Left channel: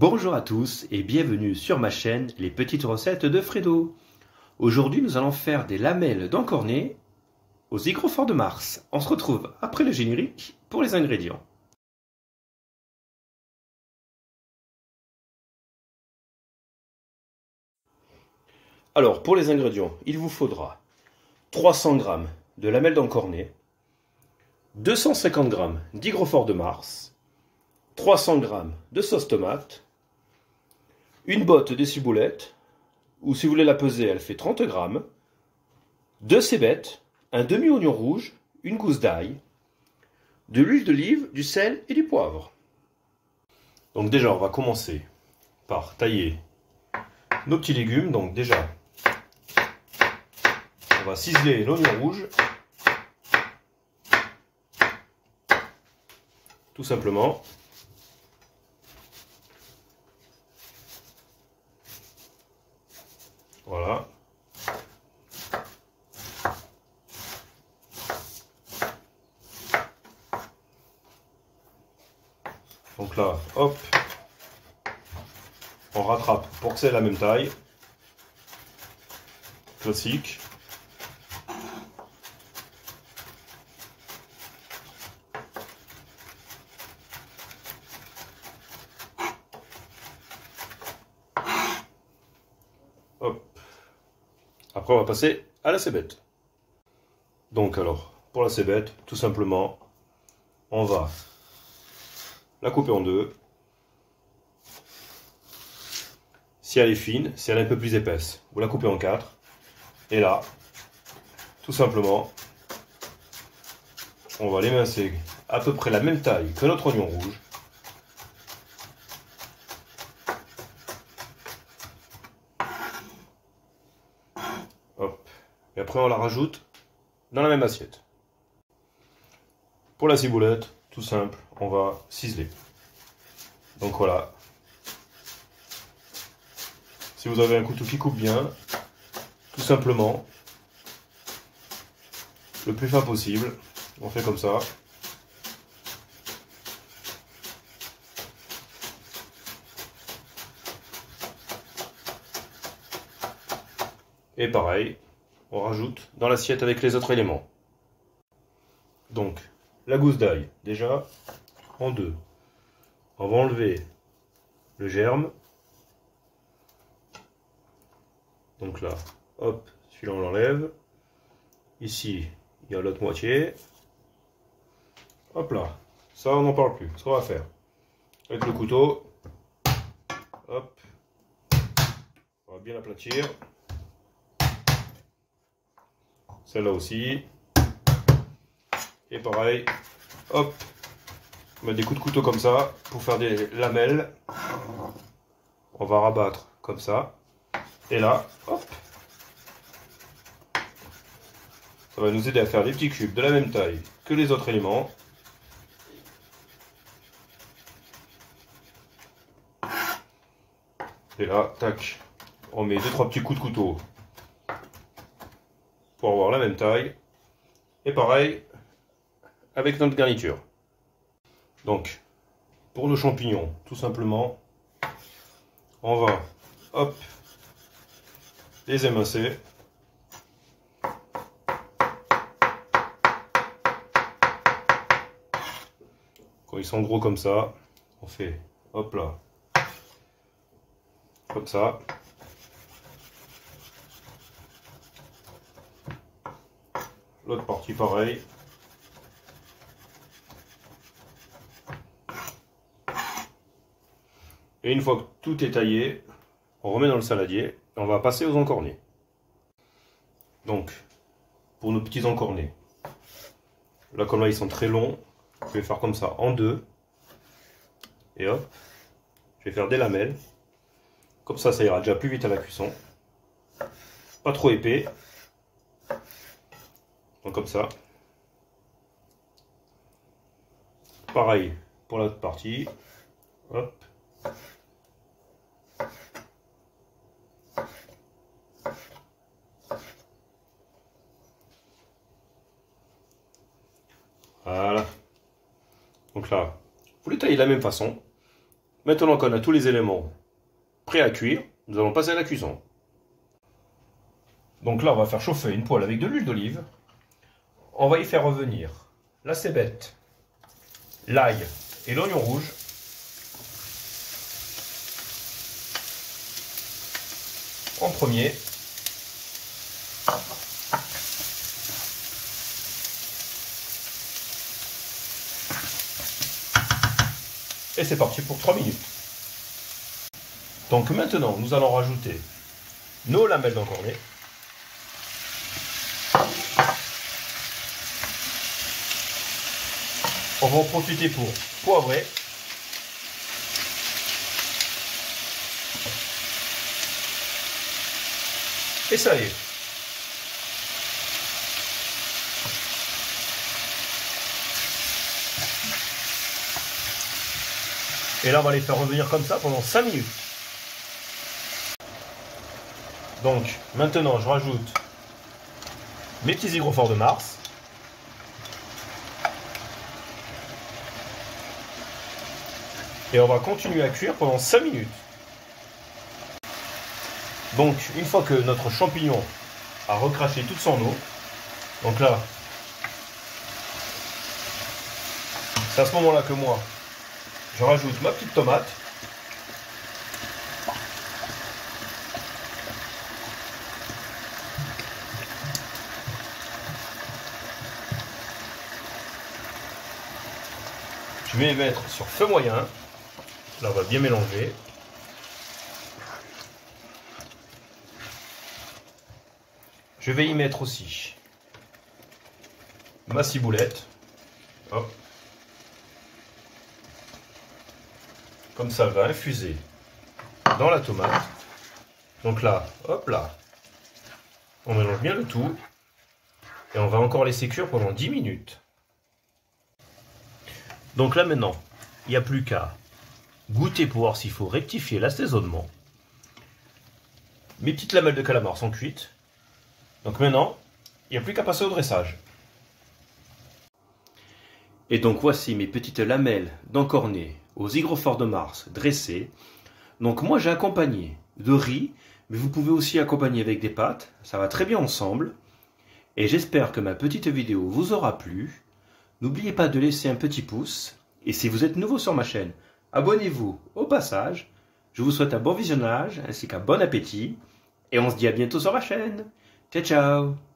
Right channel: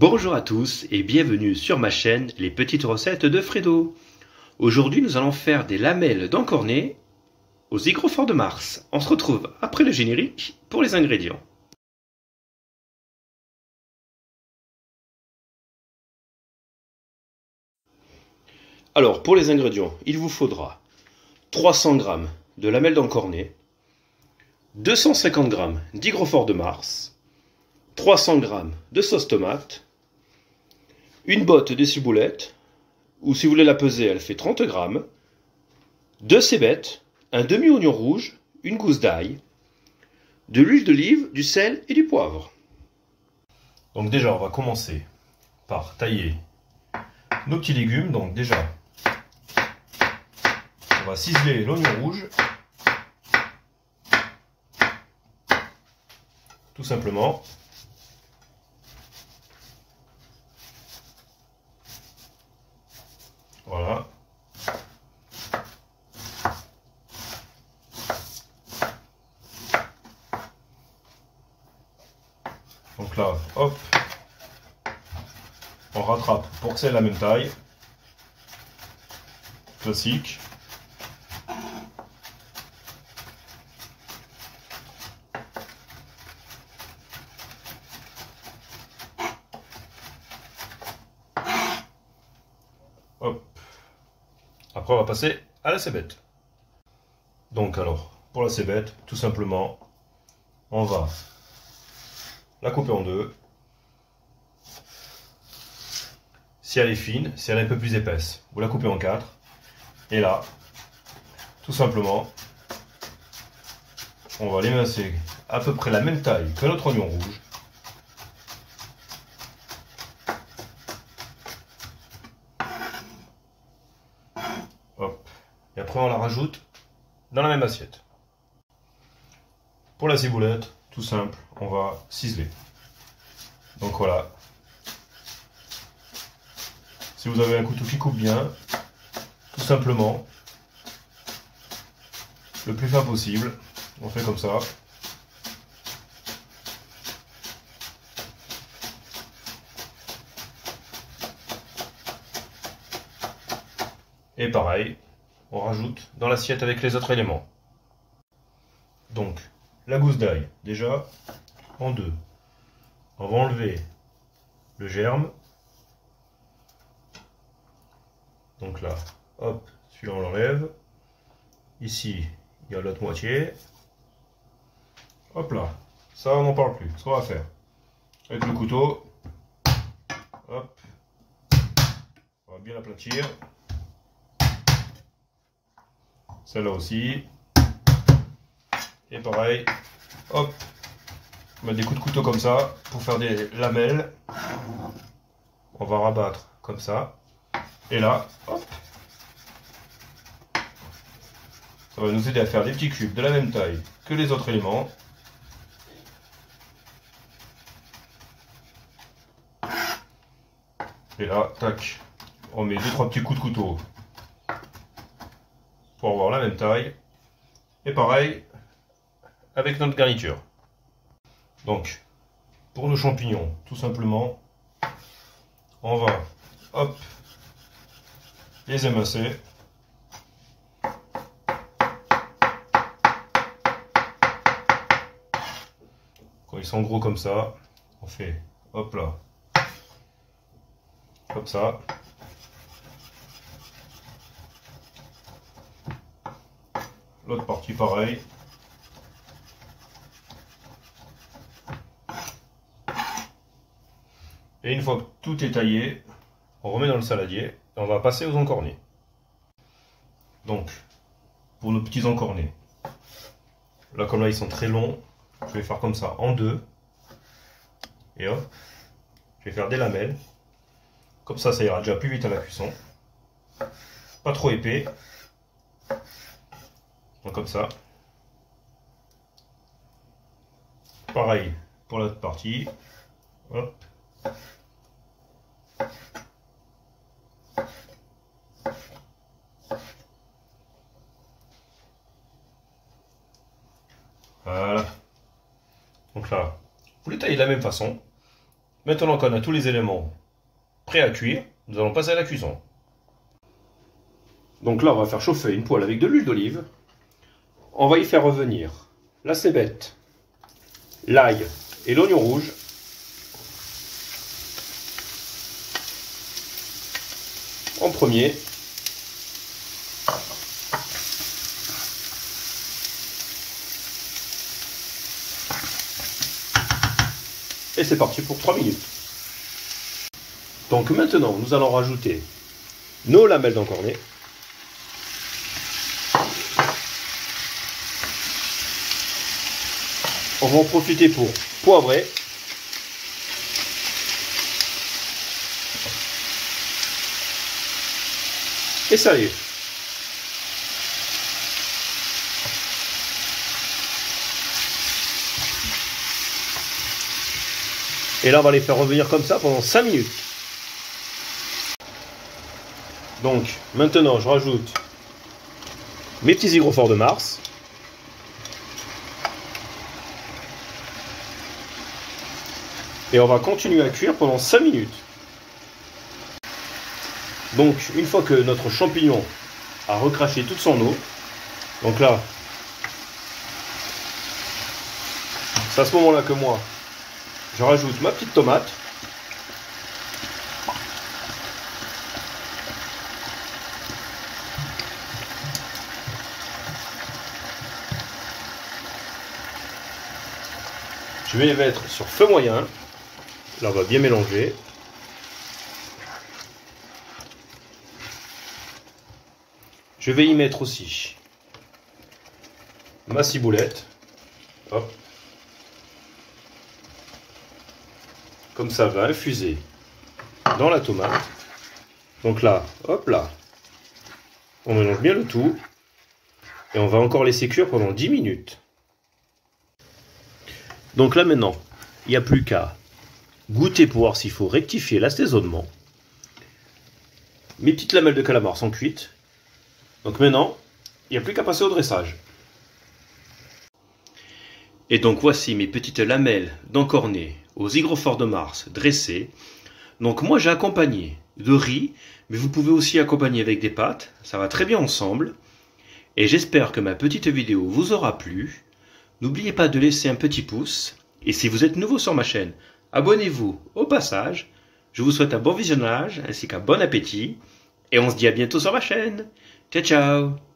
Bonjour à tous et bienvenue sur ma chaîne Les Petites Recettes de Fredo. Aujourd'hui nous allons faire des lamelles d'encornet aux hygrophores de Mars. On se retrouve après le générique pour les ingrédients. Alors pour les ingrédients, il vous faudra 300 g de lamelles d'encornet, 250 g d'hygrophores de Mars, 300 g de sauce tomate, une botte de ciboulette, ou si vous voulez la peser, elle fait 30 g, 2 cébettes, un demi-oignon rouge, une gousse d'ail, de l'huile d'olive, du sel et du poivre. Donc déjà, on va commencer par tailler nos petits légumes. Donc déjà, on va ciseler l'oignon rouge, tout simplement. Voilà. Donc là, hop, on rattrape pour que c'est la même taille. Classique. Hop. Après, on va passer à la cébette. Donc alors, pour la cébette, tout simplement, on va la couper en deux. Si elle est fine, si elle est un peu plus épaisse, vous la coupez en quatre. Et là, tout simplement, on va l'émincer à peu près la même taille que notre oignon rouge. Hop. Et après, on la rajoute dans la même assiette. Pour la ciboulette, tout simple, on va ciseler. Donc voilà. Si vous avez un couteau qui coupe bien, tout simplement, le plus fin possible, on fait comme ça. Et pareil, on rajoute dans l'assiette avec les autres éléments. Donc, la gousse d'ail, déjà, en deux. On va enlever le germe. Donc là, hop, celui-là on l'enlève. Ici, il y a l'autre moitié. Hop là, ça on n'en parle plus. Ce qu'on va faire, avec le couteau, hop, on va bien l'aplatir. Celle-là aussi. Et pareil, hop, on met des coups de couteau comme ça pour faire des lamelles. On va rabattre comme ça. Et là, hop, ça va nous aider à faire des petits cubes de la même taille que les autres éléments. Et là, tac, on met 2-3 petits coups de couteau pour avoir la même taille. Et pareil avec notre garniture. Donc, pour nos champignons, tout simplement, on va, hop, les émincer. Quand ils sont gros comme ça, on fait, hop là, comme ça. L'autre partie pareil. Et une fois que tout est taillé, on remet dans le saladier et on va passer aux encornets. Donc, pour nos petits encornets, là comme là ils sont très longs, je vais faire comme ça en deux. Et hop, je vais faire des lamelles. Comme ça ira déjà plus vite à la cuisson. Pas trop épais. Donc comme ça. Pareil pour l'autre partie. Hop. Voilà. Donc là, vous les taillez de la même façon. Maintenant qu'on a tous les éléments prêts à cuire, nous allons passer à la cuisson. Donc là, on va faire chauffer une poêle avec de l'huile d'olive. On va y faire revenir la cébette, l'ail et l'oignon rouge. En premier. Et c'est parti pour 3 minutes. Donc maintenant, nous allons rajouter nos lamelles d'encornet. On va en profiter pour poivrer. Et saler. Et là, on va les faire revenir comme ça pendant 5 minutes. Donc, maintenant, je rajoute mes petits hygroforts de Mars. Et on va continuer à cuire pendant 5 minutes. Donc, une fois que notre champignon a recraché toute son eau, donc là, c'est à ce moment-là que moi, je rajoute ma petite tomate. Je vais les mettre sur feu moyen. Là, on va bien mélanger. Je vais y mettre aussi ma ciboulette. Hop. Comme ça va infuser dans la tomate. Donc là, hop là, on mélange bien le tout. Et on va encore laisser cuire pendant 10 minutes. Donc là maintenant, il n'y a plus qu'à goûter pour voir s'il faut rectifier l'assaisonnement. Mes petites lamelles de calamar sont cuites. Donc maintenant, il n'y a plus qu'à passer au dressage. Et donc voici mes petites lamelles d'encornet aux hygroforts de Mars dressées. Donc moi j'ai accompagné de riz, mais vous pouvez aussi accompagner avec des pâtes. Ça va très bien ensemble. Et j'espère que ma petite vidéo vous aura plu. N'oubliez pas de laisser un petit pouce. Et si vous êtes nouveau sur ma chaîne, abonnez-vous au passage. Je vous souhaite un bon visionnage ainsi qu'un bon appétit. Et on se dit à bientôt sur ma chaîne. Ciao, ciao!